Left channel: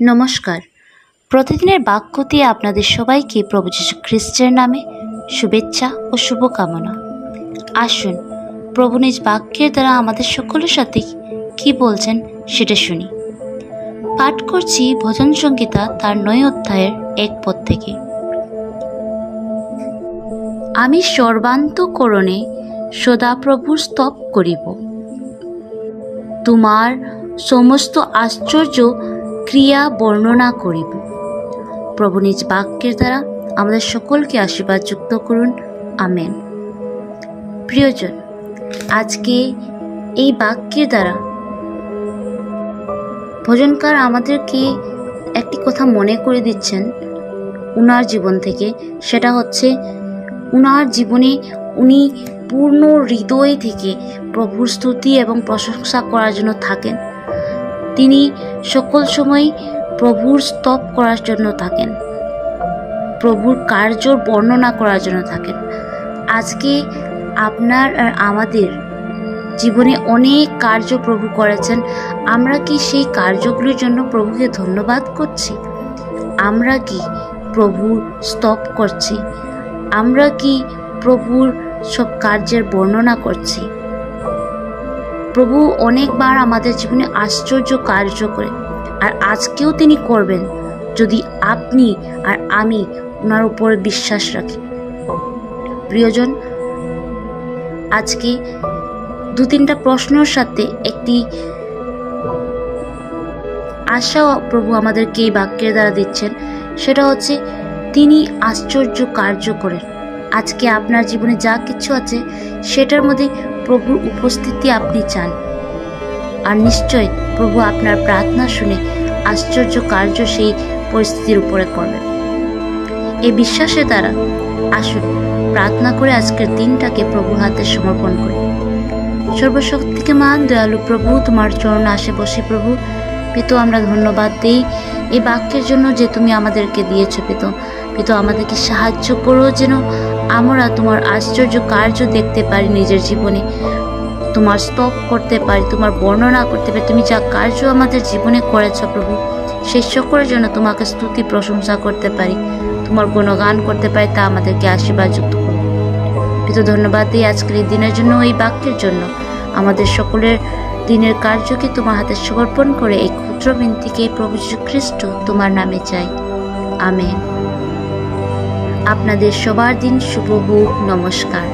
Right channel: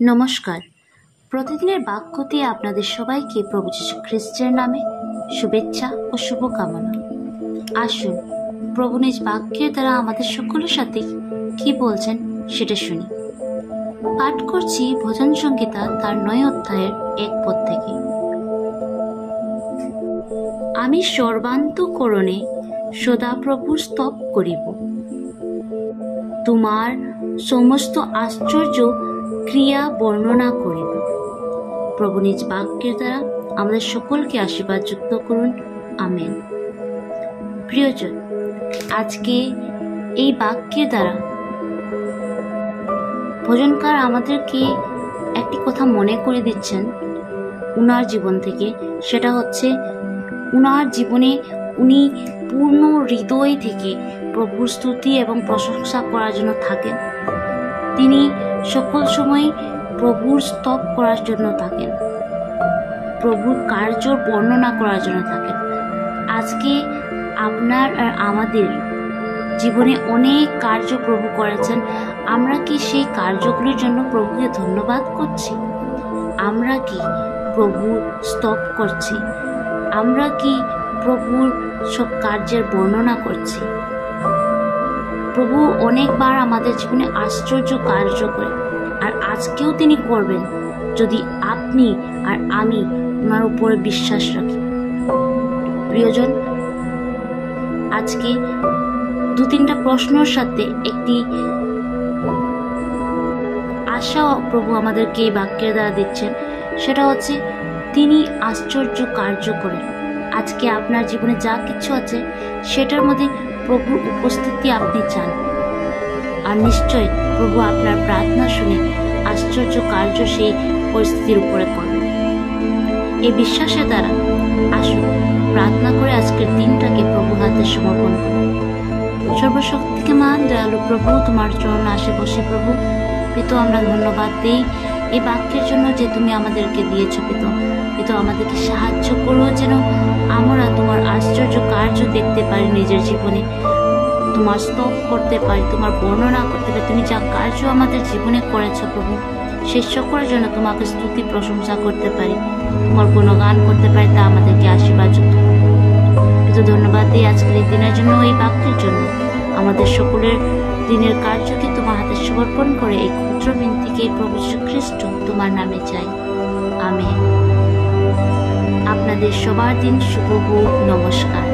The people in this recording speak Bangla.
নমস্কার। প্রতিদিনের বাক্য দিয়ে আপনাদের সবাইকে প্রভু যীশু খ্রিস্টের নামে শুভেচ্ছা ও শুভকামনা। আসুন প্রভু নিজ বাক্যের দ্বারা আমাদের সকলের সাথে কি বলছেন সেটা শুনি। পাঠ করছি ভজন সংহিতা তার 9 অধ্যায়ের 1 পদ থেকে। আমি সর্বান্তঃকরণে সদা প্রভুর স্তব করিব, তোমার সমস্ত আশ্চর্য ক্রিয়া বর্ণনা করিব। প্রভু নিজ বাক্যের দ্বারা আমাদের সকলকে আশীর্বাদ যুক্ত করুন, আমেন। প্রিয়জন, আজকে এই বাক্যের দ্বারা ভজনকার আমাদেরকে একটি কথা মনে করে দিচ্ছেন উনার জীবন থেকে। সেটা হচ্ছে উনার জীবনে উনি পূর্ণ হৃদয় থেকে প্রভুর স্তুতি এবং প্রশংসা করার জন্য থাকেন। তিনি সকল সময় প্রভুর স্তব করার জন্য থাকেন, প্রভুর কার্যর বর্ণনা করার জন্য থাকেন। আজকে আপনার আর আমাদের জীবনে অনেক কার্য প্রভু করেছেন। আমরা কি সেই কার্যগুলির জন্য প্রভুকে ধন্যবাদ করছি? আমরা কি প্রভুর স্তব করছি? আমরা কি প্রভুর সব কার্যের বর্ণনা করছি? প্রভু অনেকবার আমাদের জীবনে আশ্চর্য কার্য করে, আর আজকেও তিনি করবেন যদি আপনি আর আমি ওনার উপরে বিশ্বাস রাখি। প্রিয়জন, আজকে 2-3টা প্রশ্নের সাথে একটি আশা প্রভু আমাদেরকে এই বাক্যের দ্বারা দিচ্ছেন। সেটা হচ্ছে তিনি আশ্চর্য কার্য করেন। আজকে আপনার জীবনে যা কিছু আছে সেটার মধ্যে প্রভুর উপস্থিতি আপনি চান, আর নিশ্চয় প্রভু আপনার প্রার্থনা শুনে আশ্চর্য কার্য সেই পরিস্থিতির উপরে করবেন। এই বিশ্বাসের দ্বারা আসুন প্রার্থনা করে আজকের দিনটাকে প্রভুর হাতে সমর্পণ করি। সর্বশক্তিকে মান দয়ালু প্রভু, তোমার চরণ আসে বসে প্রভু। পিতো, আমরা ধন্যবাদ দিই এই বাক্যের জন্য যে তুমি আমাদেরকে দিয়েছ। পিতো, আমাদেরকে সাহায্য করো যেন আমরা তোমার আশ্চর্য কার্য দেখতে পারি নিজের জীবনে, তোমার স্তব করতে পারি, তোমার বর্ণনা করতে পারি। তুমি যা কার্য আমাদের জীবনে করেছ প্রভু, সেই সকলের জন্য তোমাকে স্তুতি প্রশংসা করতে পারি, তোমার গুণগান করতে পারি, তা আমাদেরকে আশীর্বাদ যুক্ত করো। পিতো, ধন্যবাদ দিই আজকের এই দিনের জন্য, এই বাক্যের জন্য। আমাদের সকলের দিনের কার্যকে তোমার হাতে সমর্পণ করে এই ক্ষুদ্র বিনতিকে প্রভু যীশু খ্রিস্ট তোমার নামে চাই, আমেন। আপনাদের সবার দিন শুভ হোক। নমস্কার।